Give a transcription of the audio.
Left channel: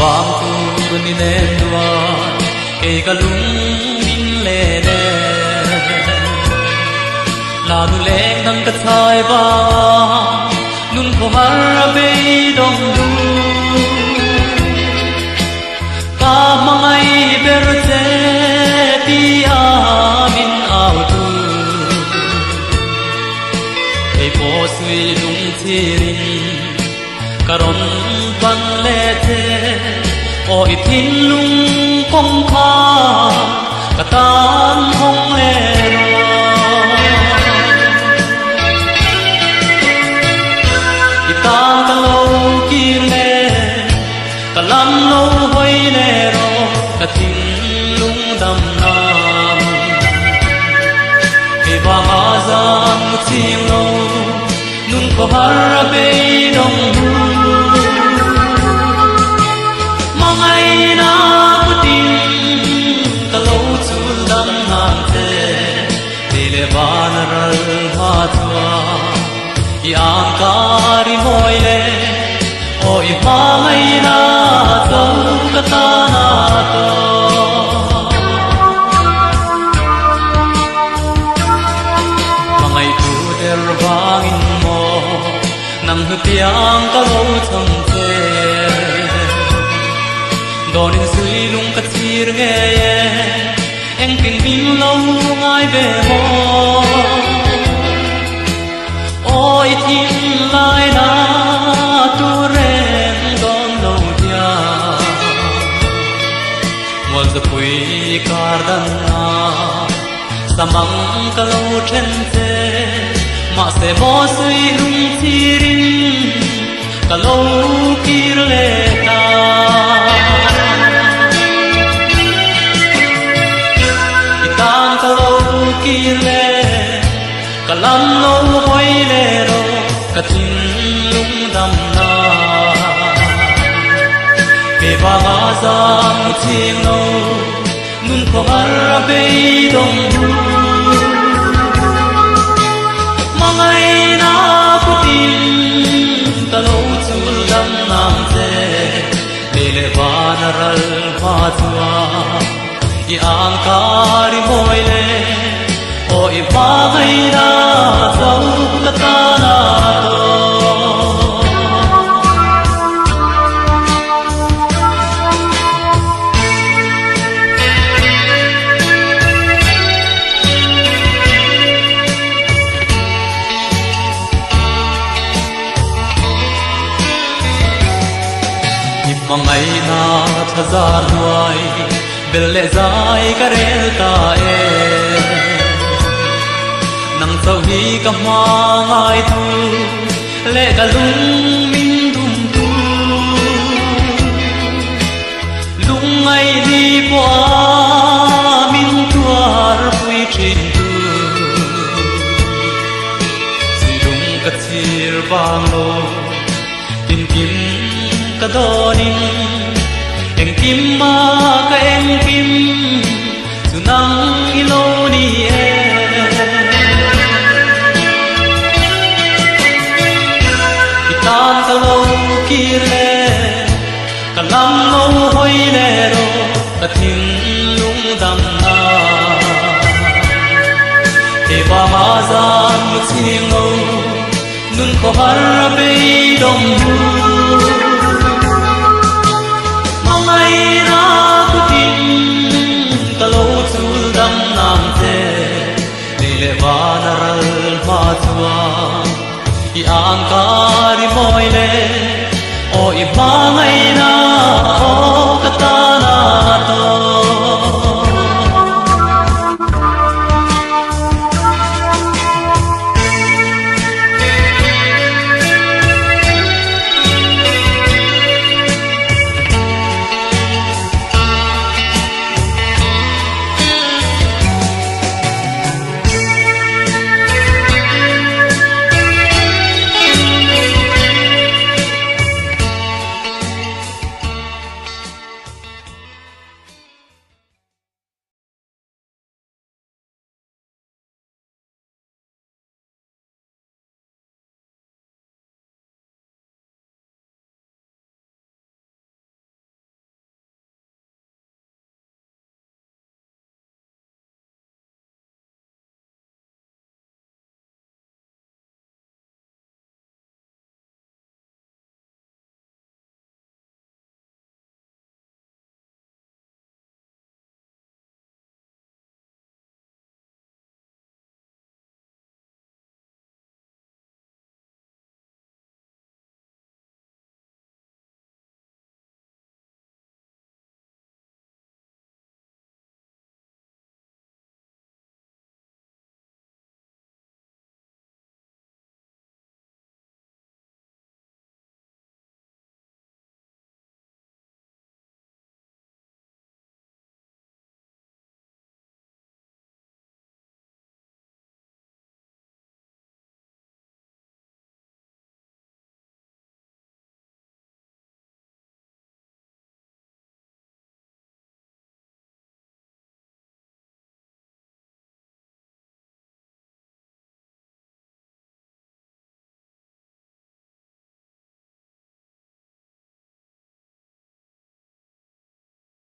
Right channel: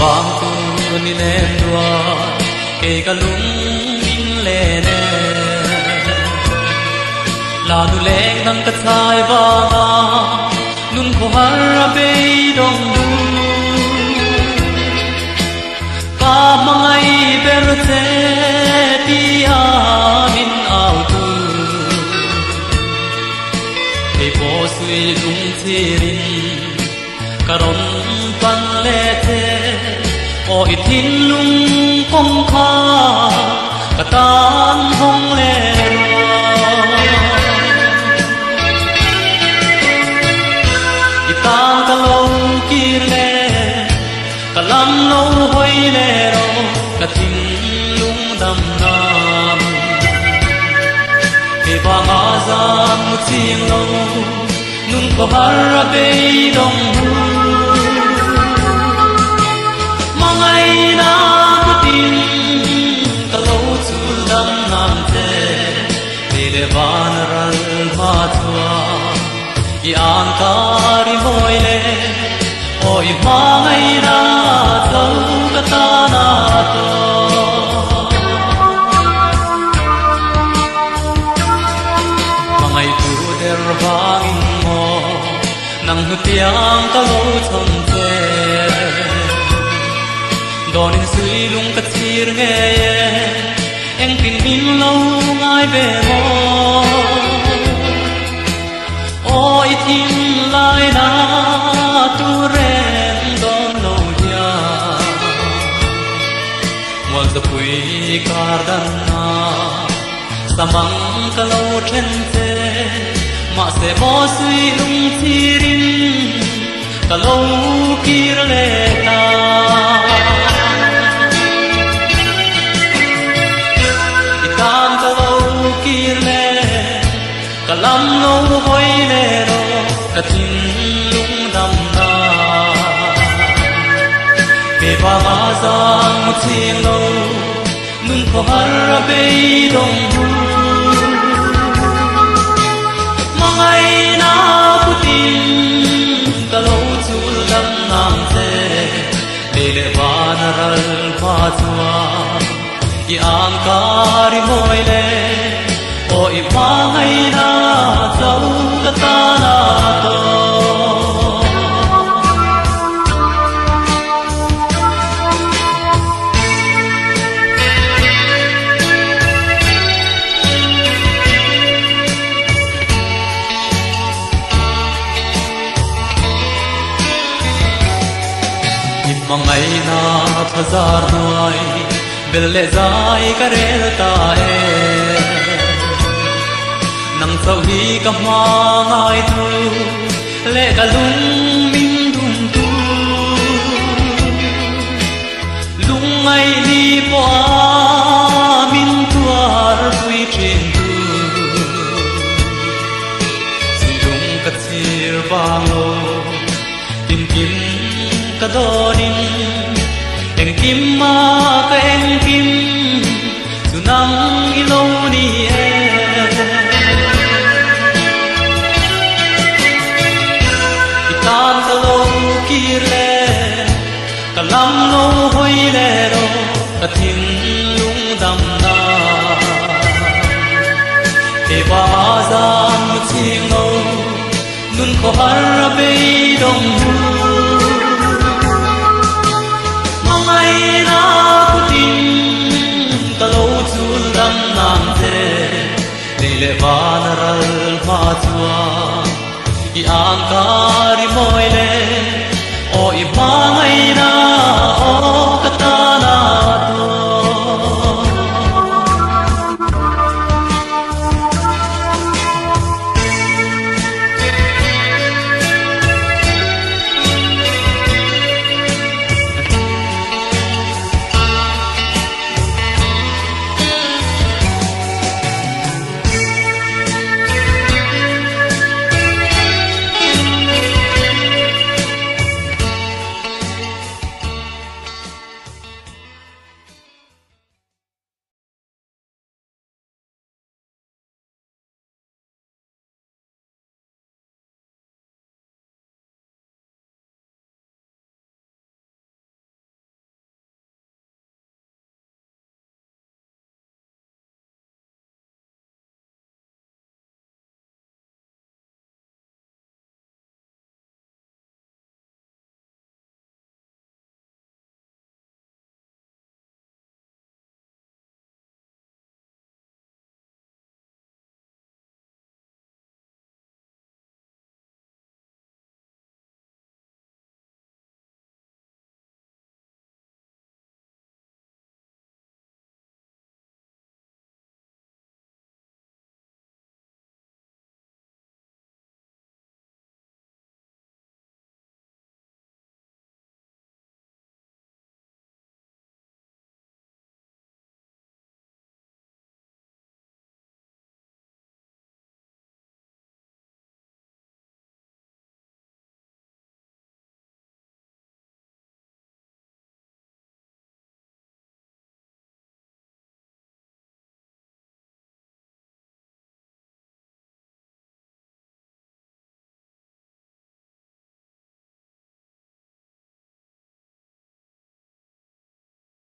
vang tu ni ne dua e kalung le ne la nu le nang ka chai ba nun ko har be dong du ka mangai ber che ti a min au tu e ko si dung chin karon pan le che o ithin lung kong kha katan hong le itang ta lo ki le kalam lo hoi le ro katin lung dam nam e ba ma zan mu chi lo nung ko har be dong hu mangai na ku tin ka lo chu lam nam te le ban ral ma chua i an kar moi le oi mangai na ko ka ta na to mangai tu der bang mo nang hu piang ka lo chang che don in sui lung ka chir nge em tình ding lâu ngai về mo ôi tin lai na tu re don lo ya wan sa pui kar dan na samang ka lo chen se ma se mo sui lung chi ring ka lo kir le ta itan ka lo kir le kalam lo hoi le ro ka tin lung dam na e ba ma za mu chi lo nun ko har be dong du mangai na ku tin ka lo chu lam nam che le le ba na ral ba chua i an kar moi le o i mangai na zau ka ta na to mangai na thazar duai bel le zai ka re ta e nang sau hi ka ma ngai tu le ka lung min dum tu lung ngai ni po min tuar pui thin tu si lung ka thir bang lo kim kim ka doni en kim ma ka en kim sunang ilo ni e itan ka lo kir le ka lam lo hoi le ro ka tin lung dam na te ba ma zan mu chi lo nun ko har be dong hu mangai na ku tin ka lo chu dam nam che le ba na ral ma chua i an kar moi le o i mangai na o ka ta